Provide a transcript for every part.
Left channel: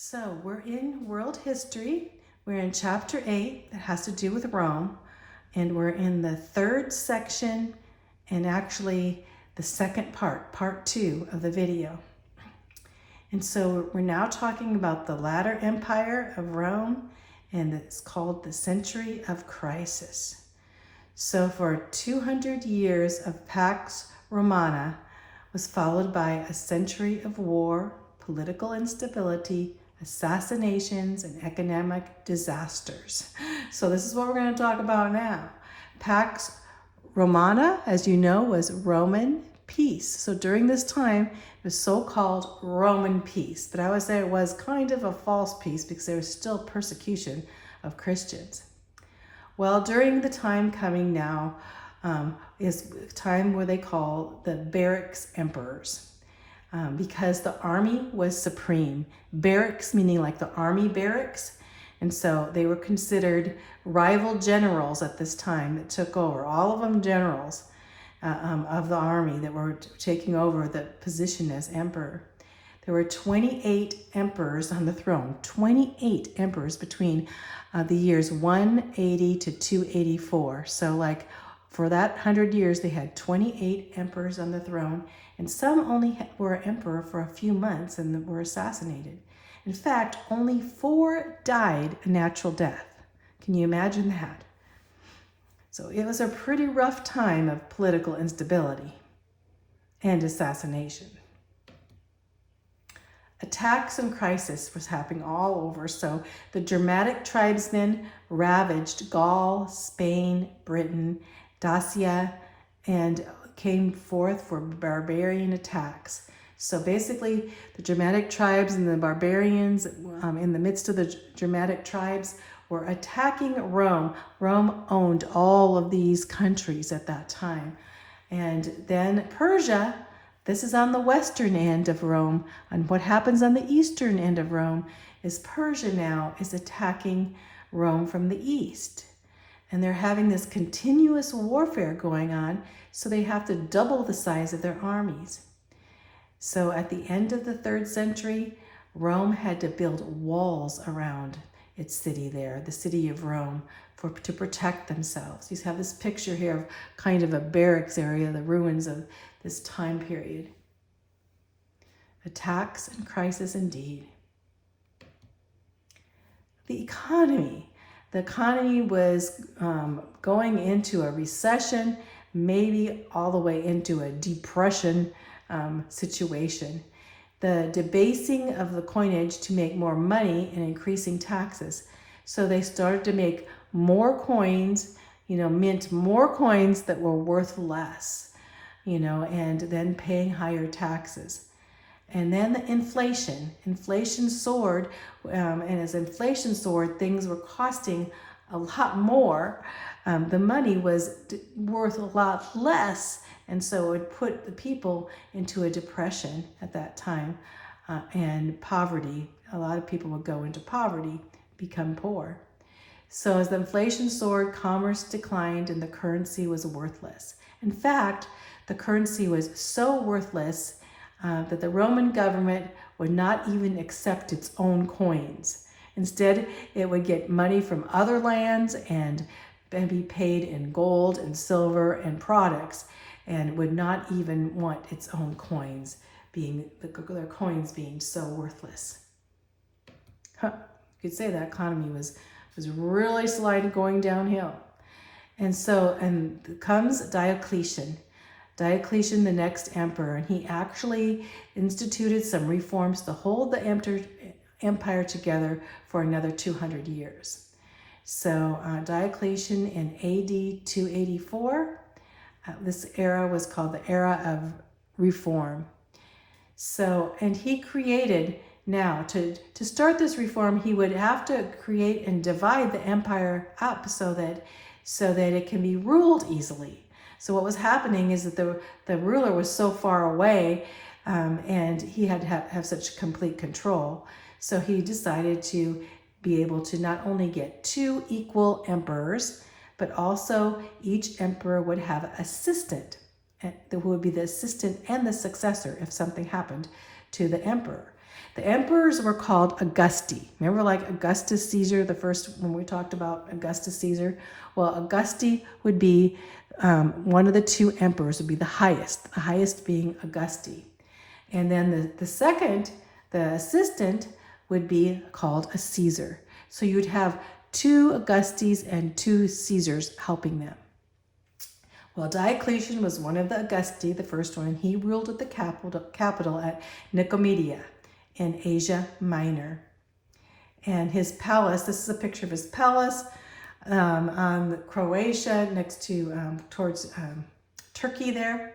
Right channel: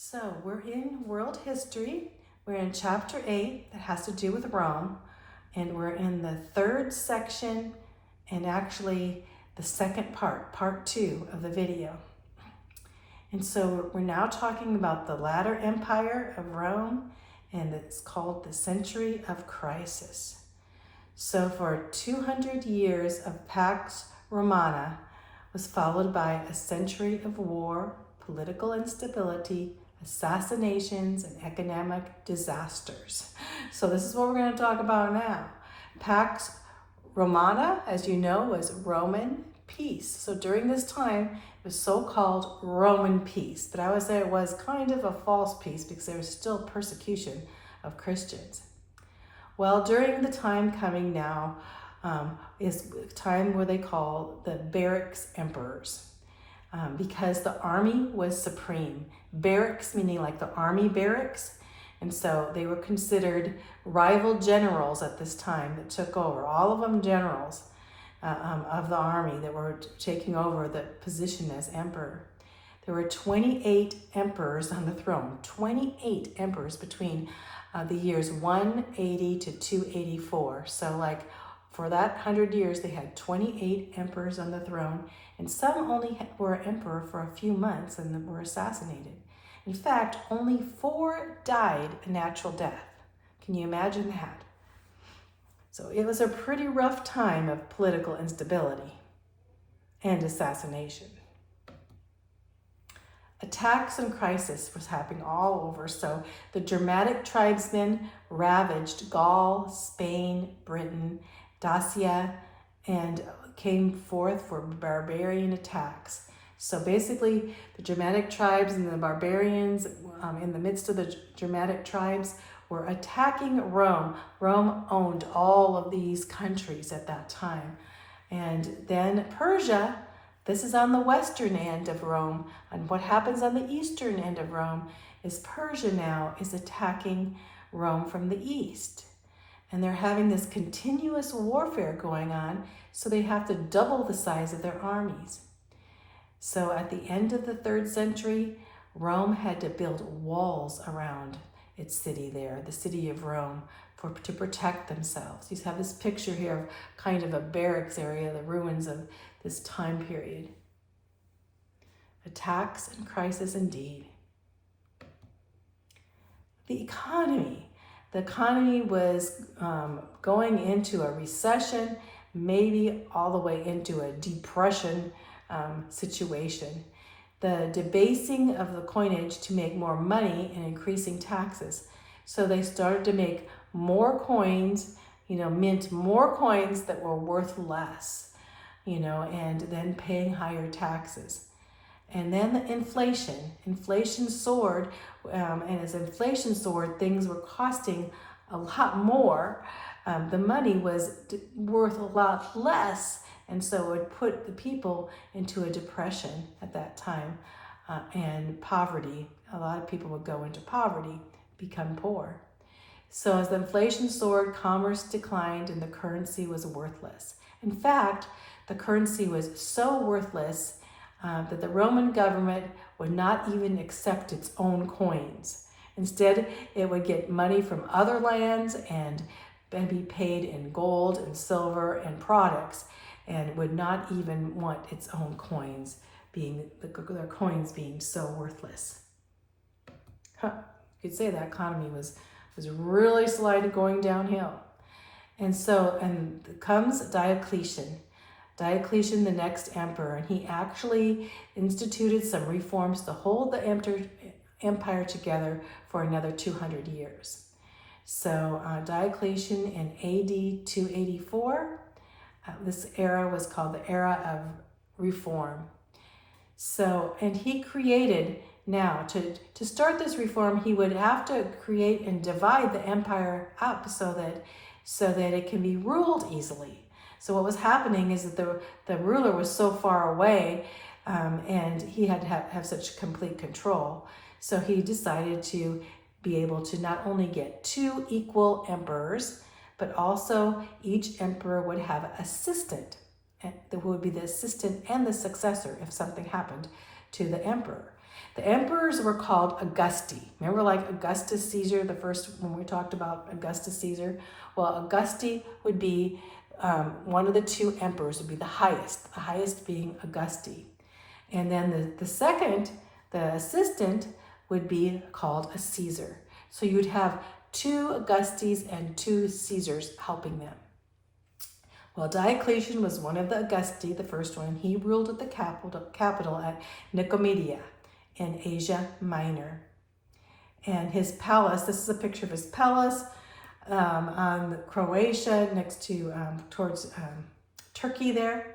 So we're in world history. We're in chapter 8 that has to do with Rome. And we're in the third section and actually the second part 2 of the video. And so we're now talking about the latter empire of Rome, and it's called the Century of Crisis. So for 200 years of Pax Romana was followed by a century of war, political instability, assassinations, and economic disasters. So this is what we're going to talk about now. Pax Romana, as you know, was Roman peace. So during this time, it was so-called Roman peace, but I would say it was kind of a false peace because there was still persecution of Christians. Well, during the time coming now is a time where they call the barracks emperors. Because the army was supreme. Barracks meaning like the army barracks. And so they were considered rival generals at this time that took over. All of them generals of the army that were taking over the position as emperor. There were 28 emperors on the throne. 28 emperors between the years 180 to 284. So like for that 100 years, they had 28 emperors on the throne, and some only were emperor for a few months and were assassinated. In fact, only 4 died a natural death. Can you imagine that? So it was a pretty rough time of political instability and assassination. Attacks and crisis was happening all over. So the Germanic tribesmen ravaged Gaul, Spain, Britain, Dacia, and came forth for barbarian attacks. So basically, the Germanic tribes and the barbarians in the midst of the Germanic tribes were attacking Rome. Rome owned all of these countries at that time. And then Persia, this is on the western end of Rome, and what happens on the eastern end of Rome is Persia now is attacking Rome from the east. And they're having this continuous warfare going on, so they have to double the size of their armies. So at the end of the 3rd century, Rome had to build walls around its city there, the city of Rome, to protect themselves. You have this picture here of kind of a barracks area, the ruins of this time period. Attacks and crisis indeed. The economy was going into a recession, maybe all the way into a depression situation. The debasing of the coinage to make more money and increasing taxes. So they started to make more coins, mint more coins that were worth less, and then paying higher taxes. And then the inflation soared, and as inflation soared, things were costing a lot more. The money was worth a lot less, and so it would put the people into a depression at that time, and poverty. A lot of people would go into poverty, become poor. So as the inflation soared, commerce declined, and the currency was worthless. In fact, the currency was so worthless that the Roman government would not even accept its own coins. Instead, it would get money from other lands and be paid in gold and silver and products, and would not even want its own coins, their coins being so worthless. You could say that economy was really sliding, going downhill. And comes Diocletian. Diocletian, the next emperor, and he actually instituted some reforms to hold the empire together for another 200 years. So Diocletian in AD 284, this era was called the era of reform. So, and he created, now to start this reform, he would have to create and divide the empire up so that it can be ruled easily. So what was happening is that the ruler was so far away, and he had to have such complete control. So he decided to be able to not only get 2 equal emperors, but also each emperor would have an assistant that would be the assistant and the successor if something happened to the emperor. The emperors were called Augusti. Remember, like Augustus Caesar, the first when we talked about Augustus Caesar? Well, Augusti would be one of the two emperors, would be the highest being Augusti. And then the second, the assistant, would be called a Caesar. So you would have two Augustes and two Caesars helping them. Well, Diocletian was one of the Augusti, the first one. He ruled at the capital at Nicomedia in Asia Minor. And his palace, this is a picture of his palace on Croatia, next to towards Turkey there.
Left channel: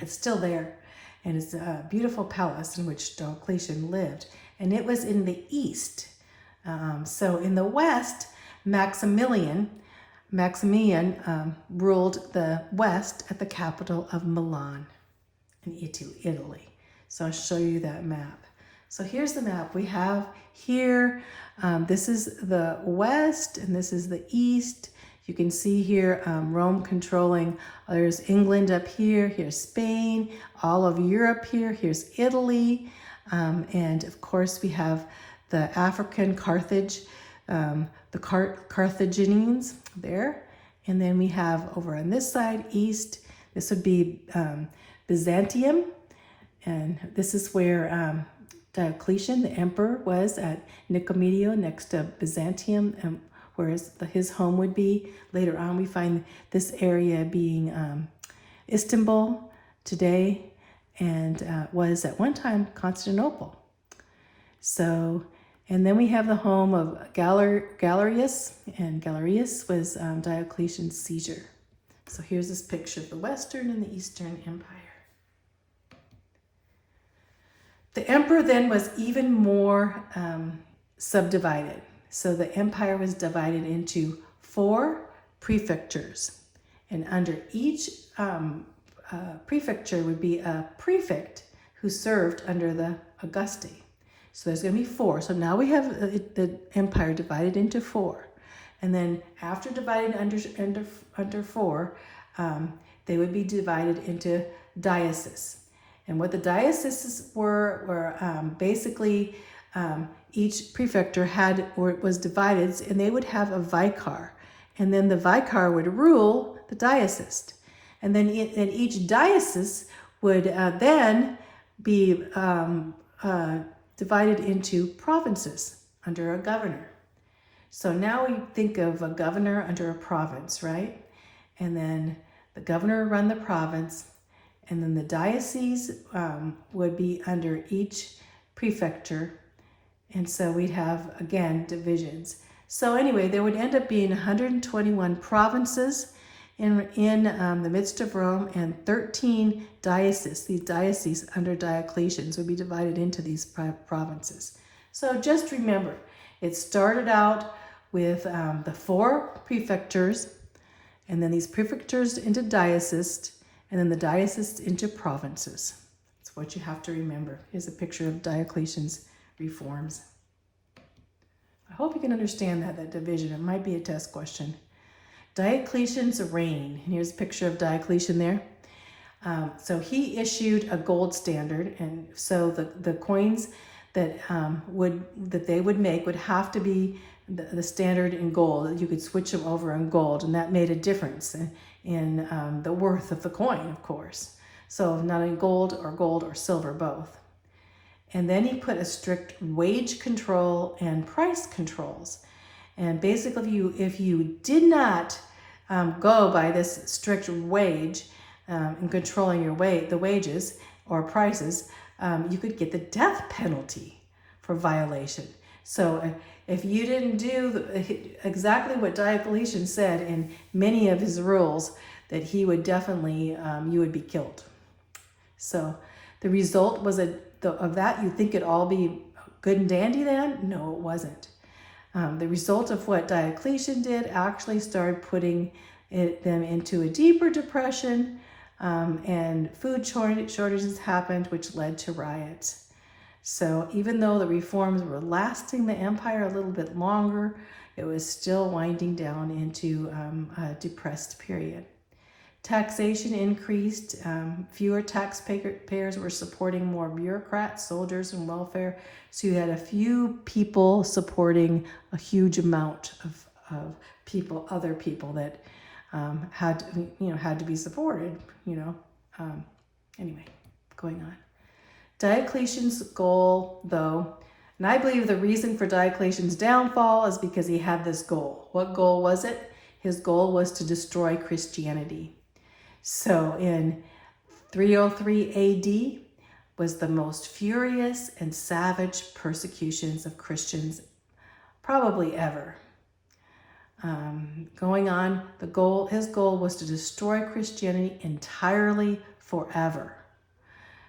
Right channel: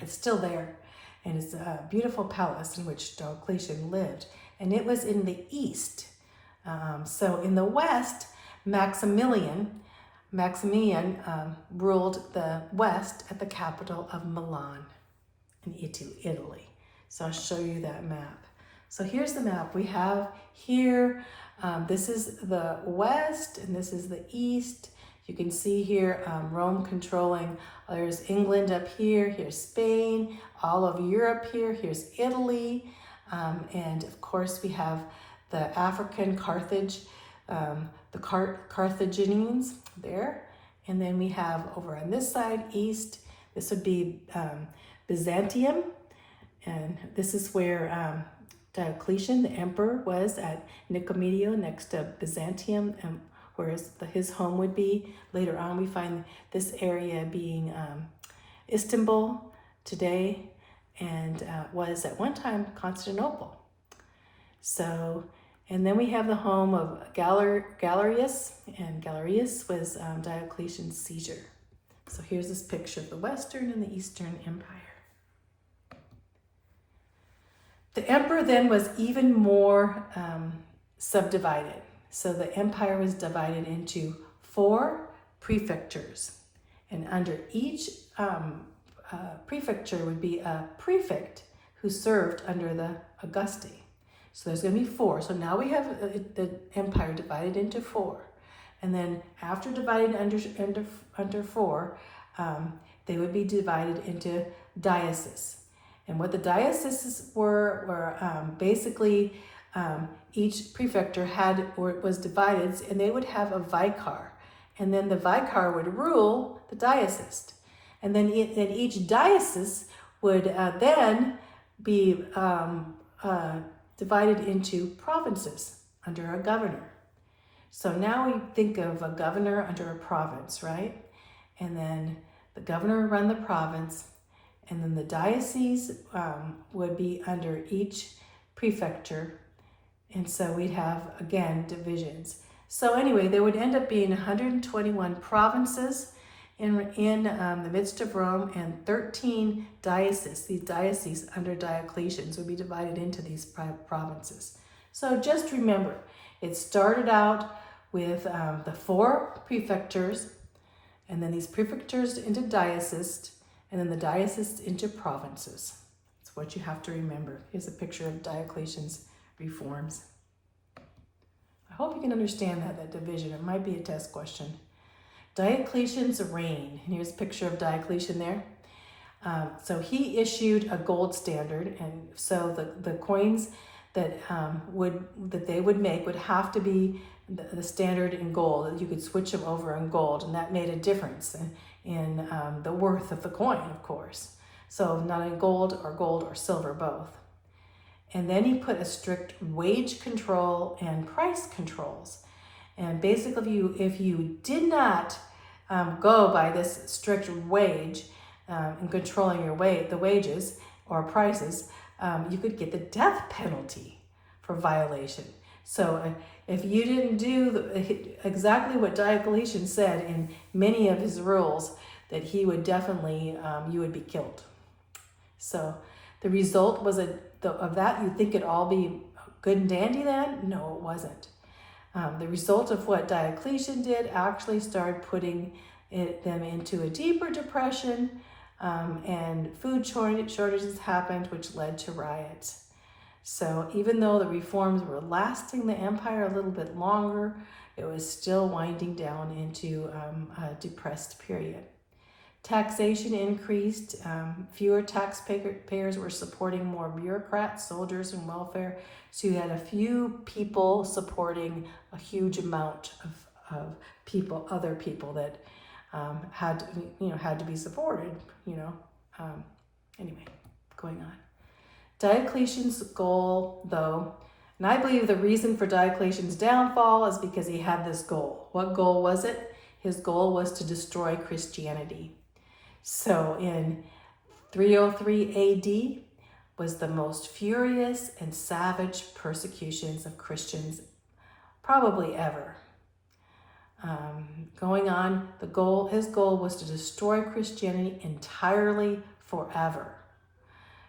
It's still there. And it's a beautiful palace in which Diocletian lived. And it was in the east. So in the west, Maximilian ruled the west at the capital of Milan in Italy. So I'll show you that map. So here's the map we have here. This is the west and this is the east. You can see here Rome controlling. There's England up here. Here's Spain. All of Europe here. Here's Italy. And of course we have the African Carthage, the Carthaginians there. And then we have over on this side, east, this would be Byzantium. And this is where Diocletian, the emperor, was at Nicomedia next to Byzantium, whereas his home would be. Later on, we find this area being Istanbul today, and was at one time Constantinople. So, and then we have the home of Galerius, and Galerius was Diocletian's Caesar. So here's this picture of the Western and the Eastern Empire. The emperor then was even more subdivided. So the empire was divided into 4 prefectures. And under each prefecture would be a prefect who served under the Augusti. So there's going to be 4. So now we have the empire divided into 4. And then after dividing under 4, they would be divided into dioceses. And what the dioceses were basically each prefecture was divided, and they would have a vicar. And then the vicar would rule the diocese. And then each diocese would then be divided into provinces under a governor. So now we think of a governor under a province, right? And then the governor would run the province, and then the diocese would be under each prefecture. And so we'd have, again, divisions. So anyway, there would end up being 121 provinces in the midst of Rome, and 13 dioceses. These dioceses under Diocletian would be divided into these provinces. So just remember, it started out with the 4 prefectures, and then these prefectures into dioceses, and then the dioceses into provinces. That's what you have to remember. Here's a picture of Diocletian's reforms. I hope you can understand that division. It might be a test question. Diocletian's reign. And here's a picture of Diocletian there. So he issued a gold standard, and so the coins that they would make would have to be the standard in gold. You could switch them over in gold, and that made a difference in the worth of the coin, of course. So not in gold or silver, both. And then he put a strict wage control and price controls. And basically, if you did not go by this strict wage in controlling the wages or prices, you could get the death penalty for violation. So if you didn't do exactly what Diocletian said in many of his rules, that he would definitely, you would be killed. So the result was of that, you'd think it'd all be good and dandy then? No, it wasn't. The result of what Diocletian did actually started putting them into a deeper depression, and food shortages happened, which led to riots. So even though the reforms were lasting the empire a little bit longer, it was still winding down into a depressed period. Taxation increased. Fewer taxpayers were supporting more bureaucrats, soldiers, and welfare. So you had a few people supporting a huge amount of people, other people that had to be supported. Anyway, going on. Diocletian's goal, though, and I believe the reason for Diocletian's downfall is because he had this goal. What goal was it? His goal was to destroy Christianity. So in 303 AD was the most furious and savage persecutions of Christians probably ever. Going on, his goal was to destroy Christianity entirely forever.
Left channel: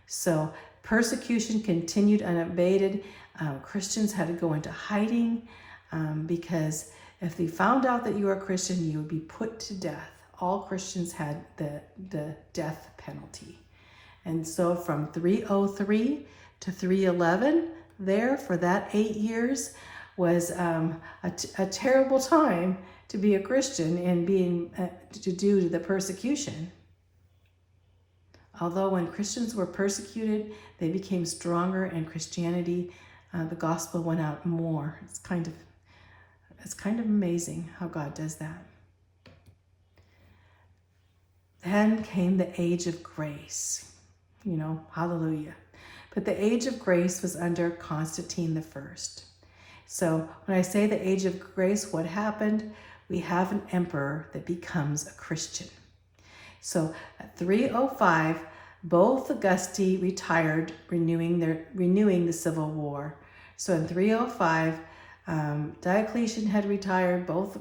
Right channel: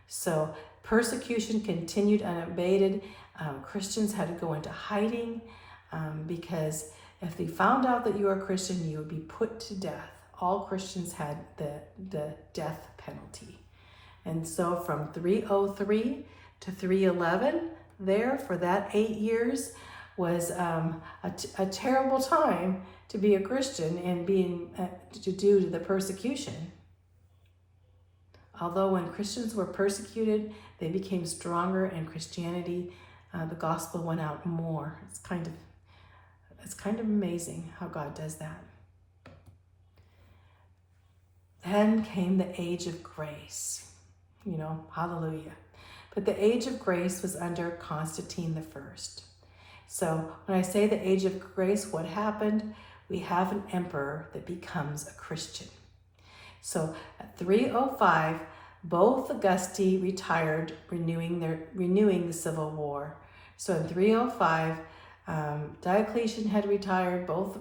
So persecution continued unabated. Christians had to go into hiding because if they found out that you were a Christian, you would be put to death. All Christians had the death penalty. And so from 303 to 311, there for that 8 years was a terrible time to be a Christian and being due to the persecution. Although when Christians were persecuted, they became stronger, and Christianity, the gospel went out more. It's kind of amazing how God does that. Then came the age of grace. Hallelujah. But the age of grace was under Constantine I. So when I say the age of grace, what happened? We have an emperor that becomes a Christian. So at 305, both Augusti retired, renewing the civil war. So in 305, Diocletian had retired. Both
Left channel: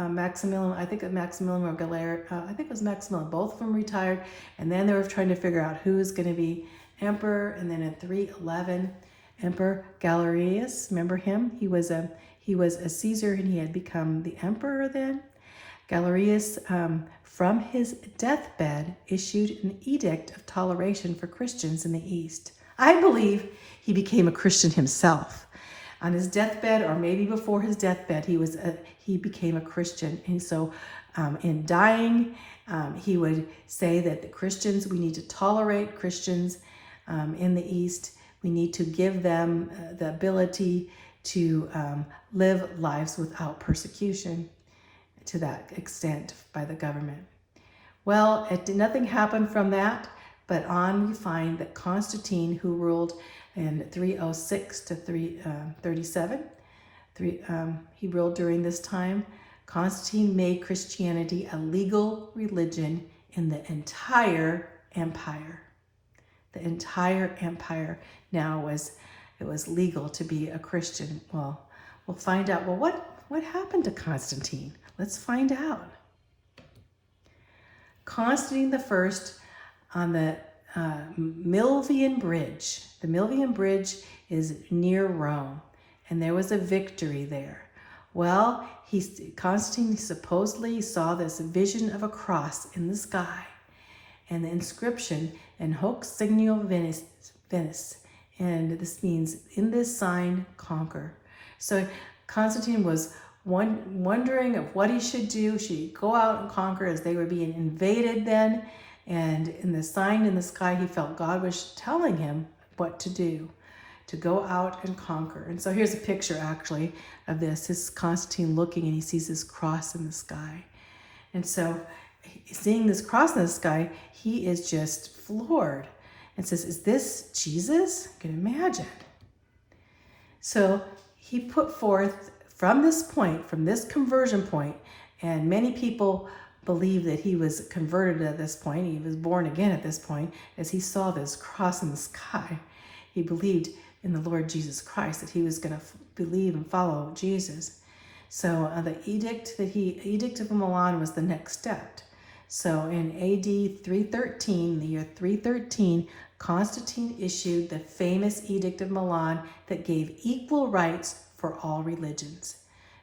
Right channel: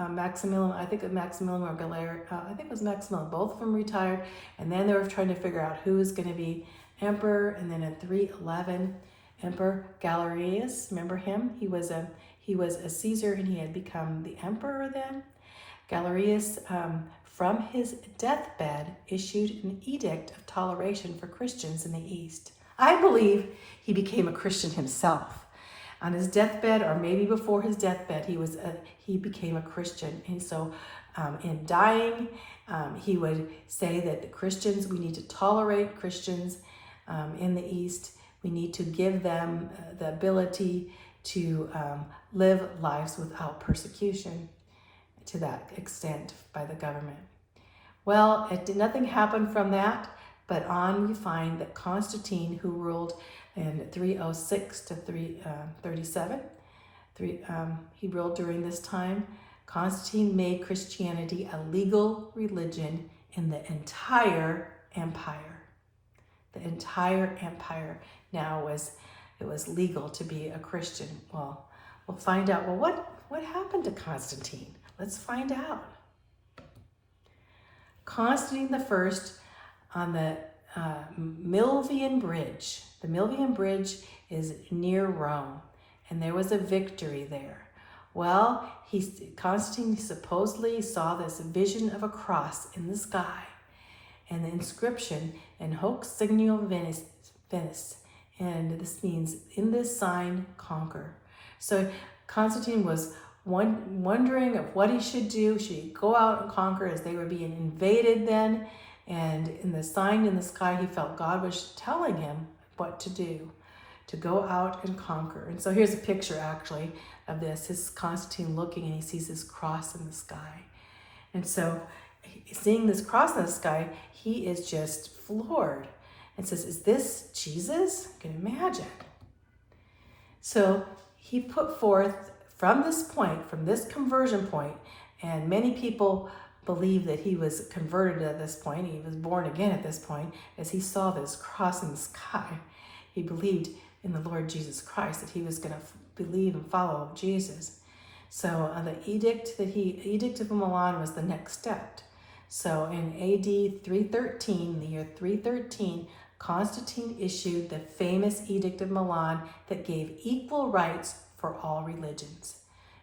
Maximilian, I think Maximilian or Galerius, I think it was Maximilian. Both of them retired, and then they were trying to figure out who was going to be emperor. And then in 311, Emperor Galerius, remember him? He was a Caesar, and he had become the emperor then. Galerius, from his deathbed, issued an edict of toleration for Christians in the East. I believe he became a Christian himself. On his deathbed, or maybe before his deathbed, he became a Christian. And so in dying, he would say that the Christians, we need to tolerate Christians in the East. We need to give them the ability to live lives without persecution to that extent by the government. Well, nothing happened from that, but on we find that Constantine, who ruled in 306 to 337, he ruled during this time. Constantine made Christianity a legal religion in the entire empire. The entire empire now it was legal to be a Christian. Well, we'll find out. Well, what happened to Constantine? Let's find out. Constantine I on the Milvian Bridge. The Milvian Bridge is near Rome, and there was a victory there. Well, Constantine supposedly saw this vision of a cross in the sky, and the inscription, "In hoc signo venus," and this means, "In this sign, conquer." So Constantine was wondering of what he should do. Should he go out and conquer, as they were being invaded then? And in the sign in the sky, he felt God was telling him what to do, to go out and conquer. And so here's a picture actually of this. This is Constantine looking, and he sees this cross in the sky. And so seeing this cross in the sky, he is just floored and says, "Is this Jesus?" You can imagine. So he put forth from this conversion point, and many people believe that he was converted at this point. He was born again at this point, as he saw this cross in the sky. He believed in the Lord Jesus Christ, that he was going to believe and follow Jesus. So the Edict of Milan was the next step. So in AD 313, the year 313, Constantine issued the famous Edict of Milan that gave equal rights for all religions.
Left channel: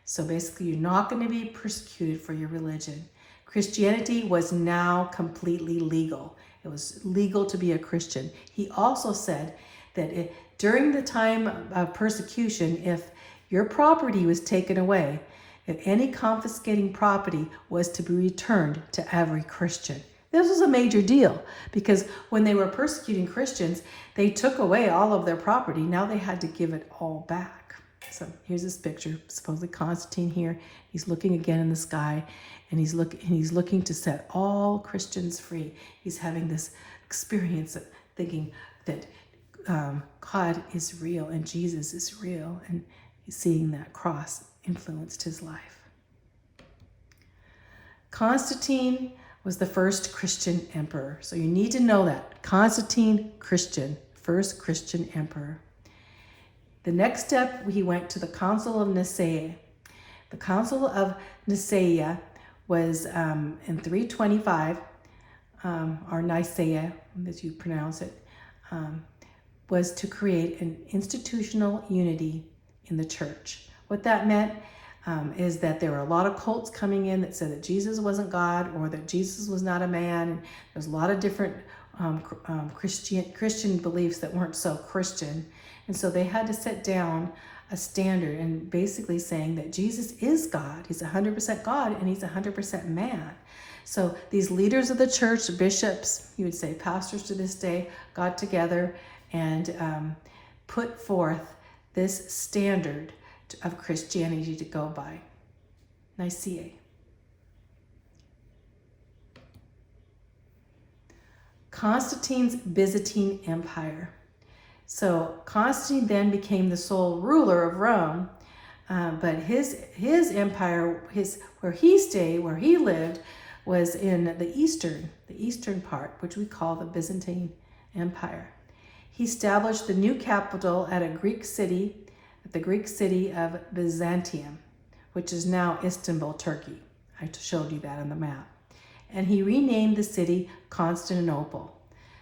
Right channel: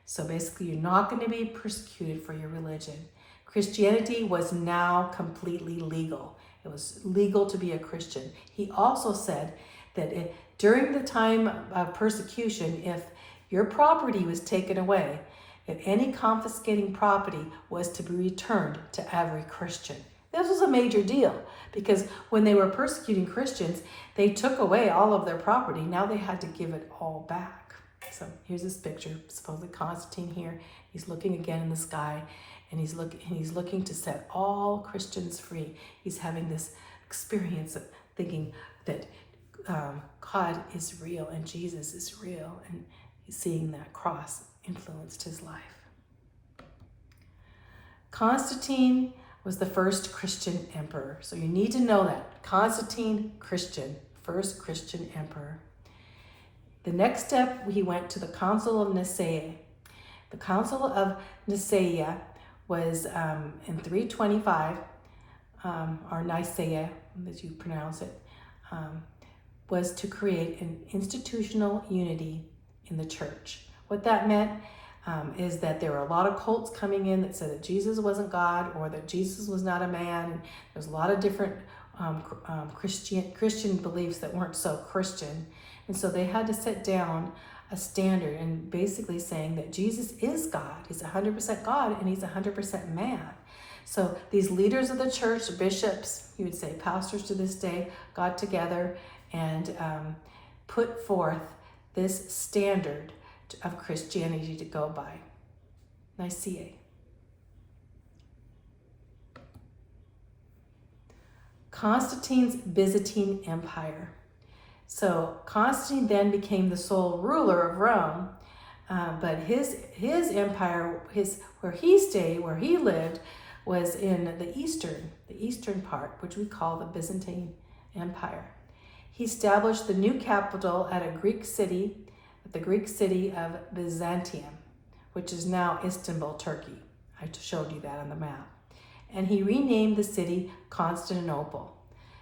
So basically, you're not going to be persecuted for your religion. Christianity was now completely legal. It was legal to be a Christian. He also said that during the time of persecution, if your property was taken away, that any confiscating property was to be returned to every Christian. This was a major deal because when they were persecuting Christians, they took away all of their property. Now they had to give it all back. So here's this picture, supposedly Constantine here. He's looking again in the sky, and he's looking to set all Christians free. He's having this experience of thinking that God is real and Jesus is real, and he's seeing that cross influenced his life. Constantine was the first Christian emperor. So you need to know that. Constantine, Christian, first Christian emperor. The next step, he went to the Council of Nicaea. The Council of Nicaea was in 325, or Nicaea, as you pronounce it, was to create an institutional unity in the church. What that meant is that there were a lot of cults coming in that said that Jesus wasn't God or that Jesus was not a man. And there's a lot of different Christian beliefs that weren't so Christian. And so they had to set down a standard and basically saying that Jesus is God. He's 100% God and he's 100% man. So these leaders of the church, bishops, you would say pastors to this day, got together and put forth this standard of Christianity to go by. Nicaea. Constantine's Byzantine Empire. So Constantine then became the sole ruler of Rome, but his empire, where he stayed, where he lived, was in the eastern part, which we call the Byzantine Empire. He established the new capital at the Greek city of Byzantium, which is now Istanbul, Turkey. I showed you that on the map. And he renamed the city Constantinople.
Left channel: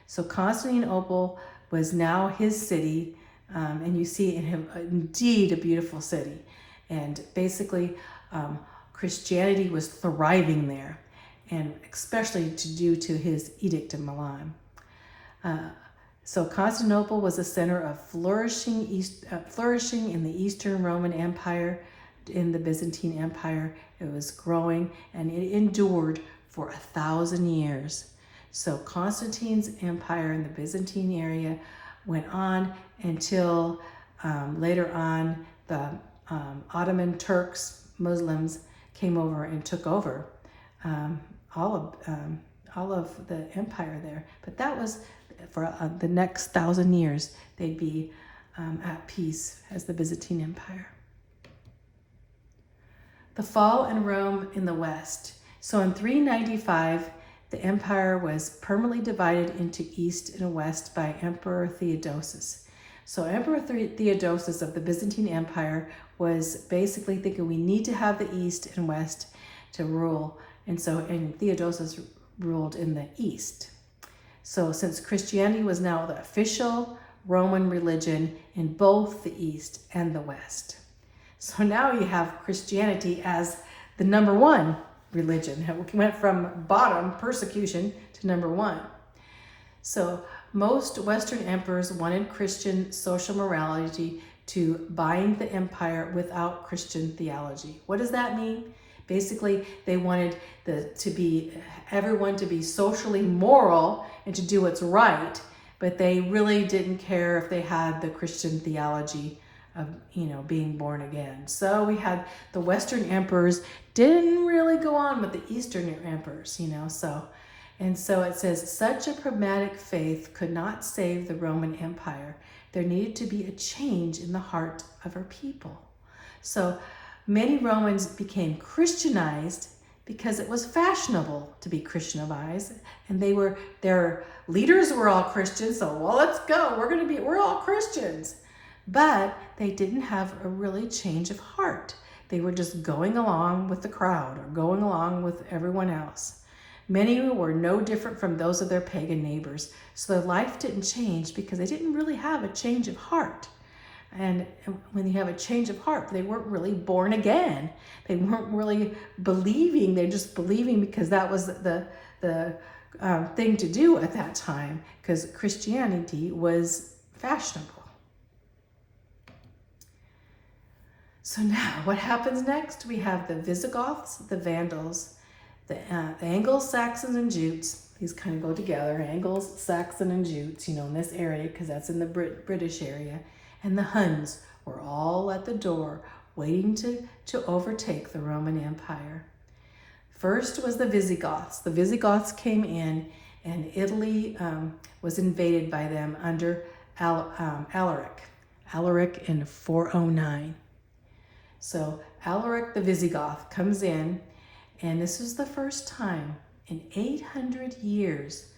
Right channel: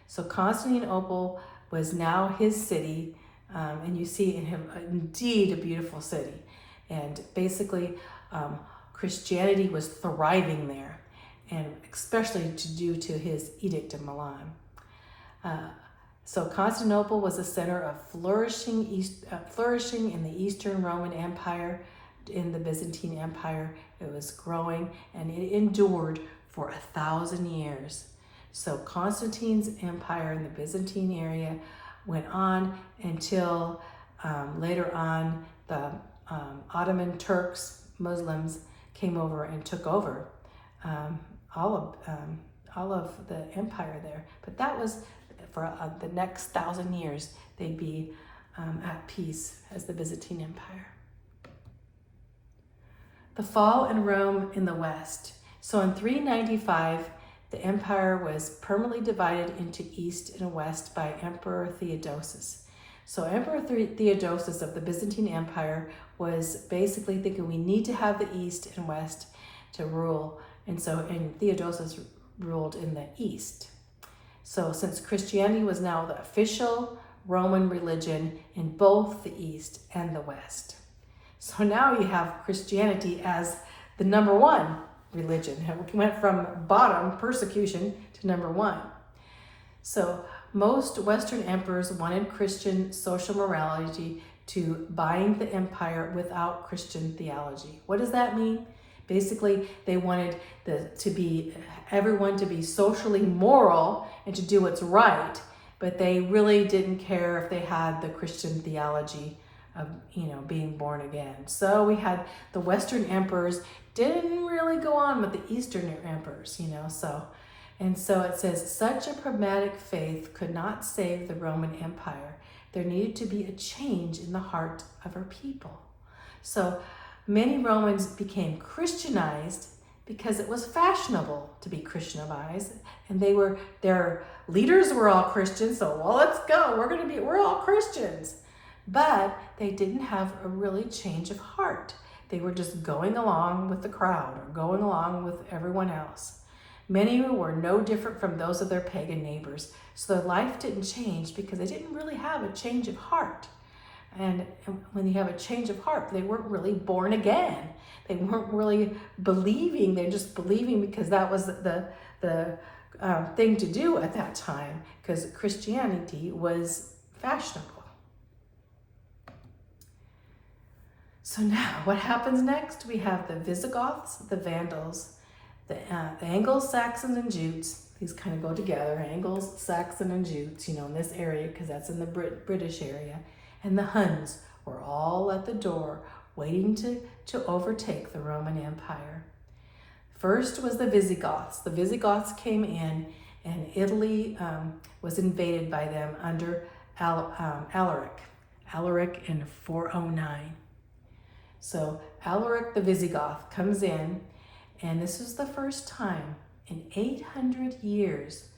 So Constantinople was now his city, and you see in him indeed a beautiful city. And basically, Christianity was thriving there, and especially due to his edict in Milan. So Constantinople was a center of flourishing in the Eastern Roman Empire, in the Byzantine Empire. It was growing and it endured for 1,000 years. So Constantine's empire in the Byzantine area went on until later on the Ottoman Turks, Muslims, came over and took over all of the empire there. But that was for the next 1,000 years, they'd be at peace as the Byzantine Empire. The fall in Rome in the West. So in 395, the empire was permanently divided into East and West by Emperor Theodosius. So Emperor Theodosius of the Byzantine Empire was basically thinking we need to have the East and West to rule. And Theodosius ruled in the East. So since Christianity was now the official Roman religion in both the East and the West. So now you have Christianity as the number one religion. It went from bottom, persecution, to number one. So most Western emperors wanted Christian social morality to bind the empire without Christian theology. What does that mean? Basically, they wanted everyone to be socially moral and to do what's right, but they really didn't care if they had the Christian theology of, being born again. So we had the Western emperors didn't really go on with the Eastern emperors, so it says, such a pragmatic faith could not save the Roman Empire. There needed to be a change in the heart of our people. So many Romans became Christianized because it was fashionable to be Christianized, and their leaders were all Christians, so let's go, we're all Christians. But they didn't have a really change of heart. They were just going along with the crowd or going along with everyone else. Many were no different from those of their pagan neighbors. So their life didn't change because they didn't really have a change of heart. And when you have a change of heart, they weren't really born again. They weren't really believing. They're just believing because that was the thing to do at that time, because Christianity was fashionable. So now, what happens next? We have the Visigoths, the Vandals, the Angles, Saxons, and Jutes. These kind of go together, Angles, Saxon, and Jutes, in this area, because that's in the British area. And the Huns were all at the door, waiting to overtake the Roman Empire. First was the Visigoths. The Visigoths came in, and Italy was invaded by them under Alaric in 409. So Alaric the Visigoth comes in, and this was the first time in 800 years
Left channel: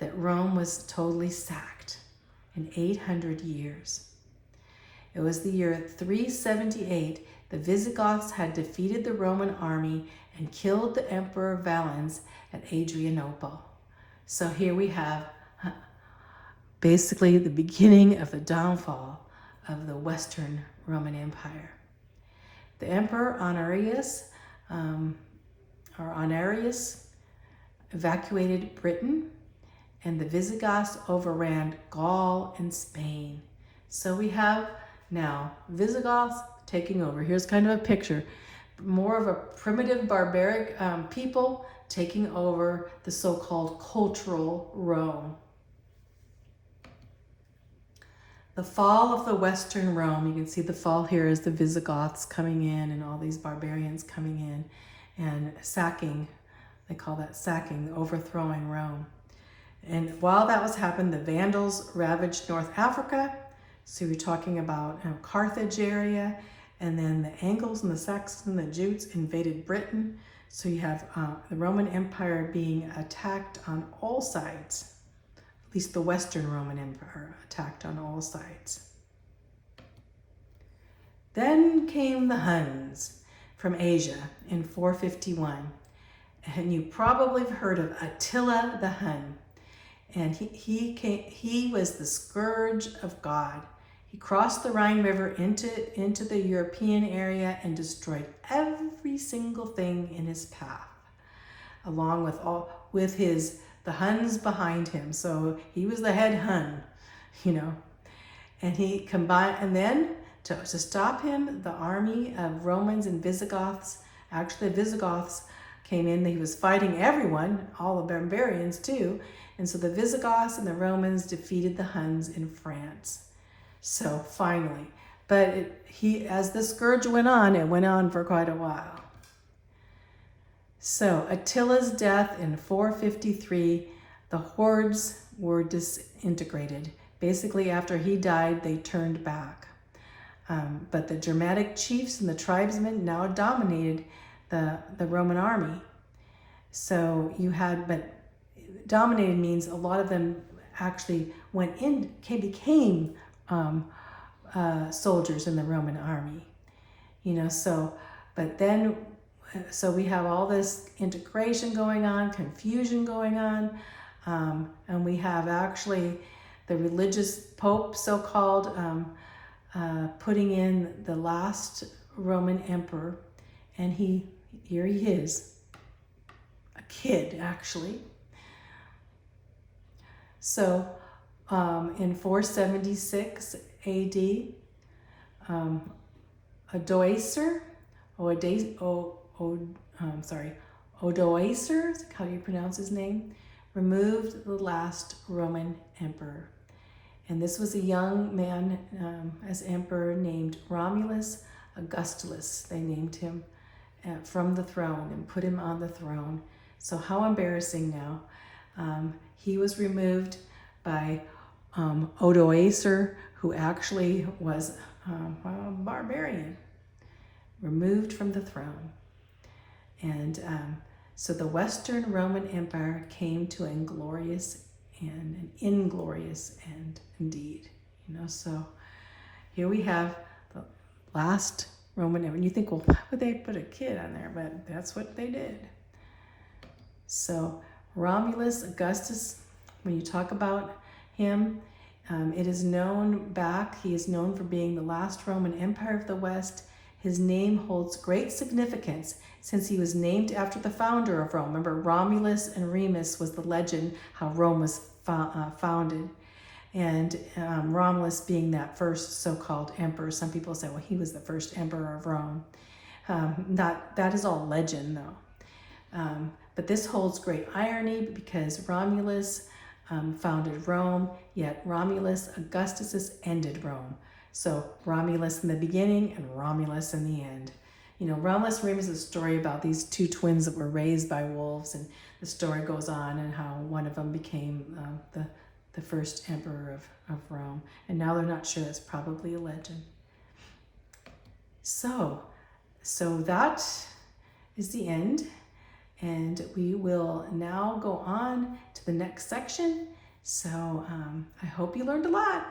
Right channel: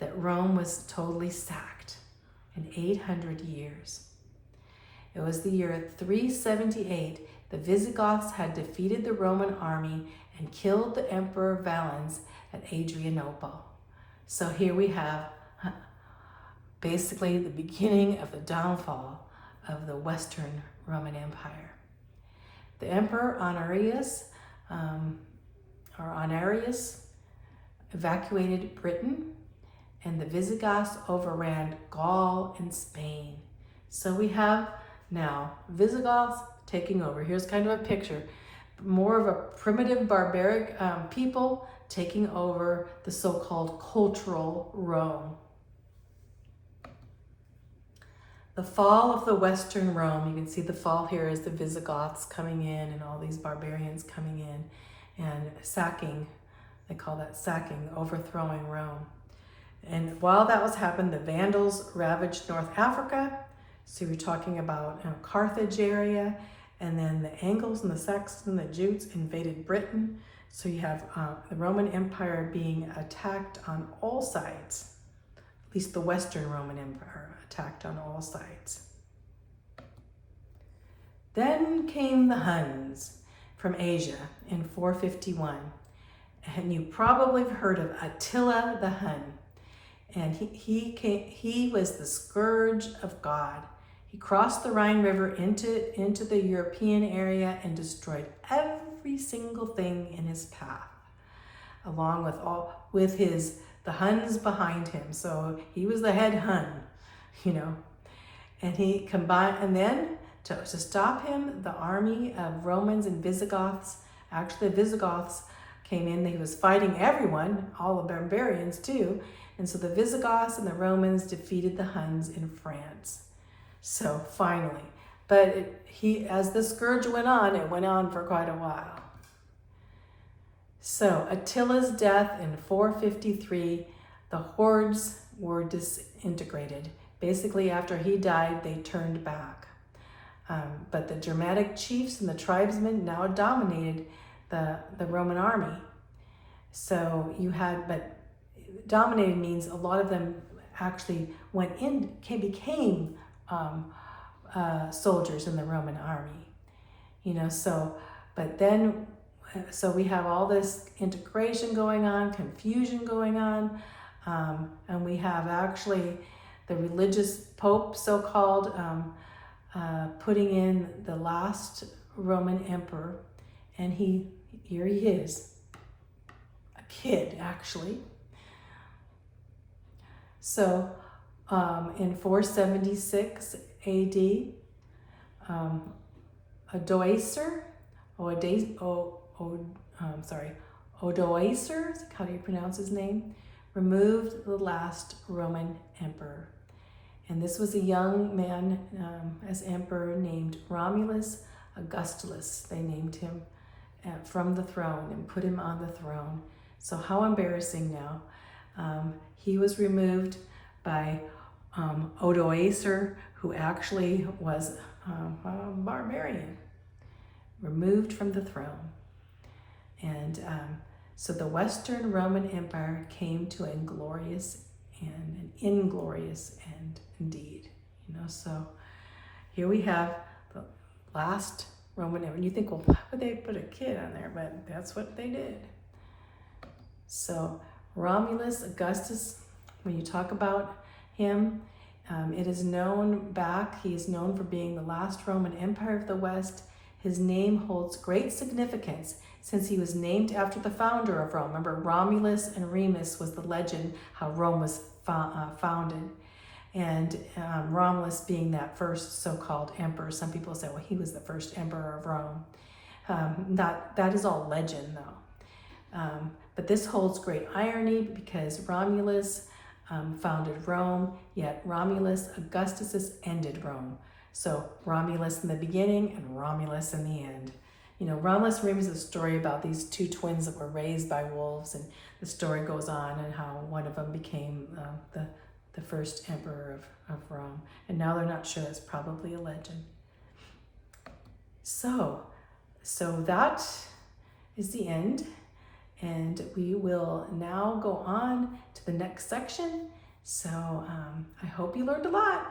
that Rome was totally sacked. In 800 years. It was the year 378. The Visigoths had defeated the Roman army and killed the Emperor Valens at Adrianople. So here we have basically the beginning of the downfall of the Western Roman Empire. The Emperor Honorius evacuated Britain, and the Visigoths overran Gaul and Spain. So we have now Visigoths taking over. Here's kind of a picture, more of a primitive barbaric people taking over the so-called cultural Rome. The fall of the Western Rome, you can see the fall here as the Visigoths coming in and all these barbarians coming in and sacking, they call that sacking, overthrowing Rome. And while that was happening, the Vandals ravaged North Africa. So you're talking about Carthage area, and then the Angles and the Saxons and the Jutes invaded Britain. So you have the Roman Empire being attacked on all sides, at least the Western Roman Empire attacked on all sides. Then came the Huns from Asia in 451. And you probably have heard of Attila the Hun. And he was the scourge of God. He crossed the Rhine River into the European area and destroyed every single thing in his path, along with the Huns behind him. So he was the head Hun, And he combined, and then to stop him, the army of Romans and Visigoths, actually the Visigoths came in. He was fighting everyone, all the barbarians too. And so the Visigoths and the Romans defeated the Huns in France. So finally, but as the scourge went on, it went on for quite a while. So Attila's death in 453, the hordes were disintegrated. Basically, after he died, they turned back. But the Germanic chiefs and the tribesmen now dominated the Roman army. So but dominated means a lot of them actually became soldiers in the Roman army, so we have all this integration going on, confusion going on, and we have actually the religious pope, so-called, putting in the last Roman emperor, and here he is, a kid actually. So in 476 AD, Odoacer, how do you pronounce his name, removed the last Roman emperor. And this was a young man as emperor named Romulus Augustulus. They named him from the throne and put him on the throne. So how embarrassing now. He was removed by Odoacer, who actually was a barbarian, removed from the throne. And so the Western Roman Empire came to an inglorious end indeed. So here we have the last Roman Empire. And you think, well, why would they put a kid on there? But that's what they did. So Romulus Augustus, when you talk about him, it is known he is known for being the last Roman Empire of the West. His name holds great significance since he was named after the founder of Rome. Remember, Romulus and Remus was the legend how Rome was founded. and Romulus being that first so-called emperor. Some people say, well, he was the first emperor of Rome. That is all legend, though. But this holds great irony because Romulus founded Rome, yet Romulus Augustus ended Rome. So Romulus in the beginning and Romulus in the end. You know, Romulus and Remus is a story about these two twins that were raised by wolves, and the story goes on and how one of them became the first emperor of Rome. And now they're not sure, it's probably a legend. So that is the end. And we will now go on to the next section. So I hope you learned a lot.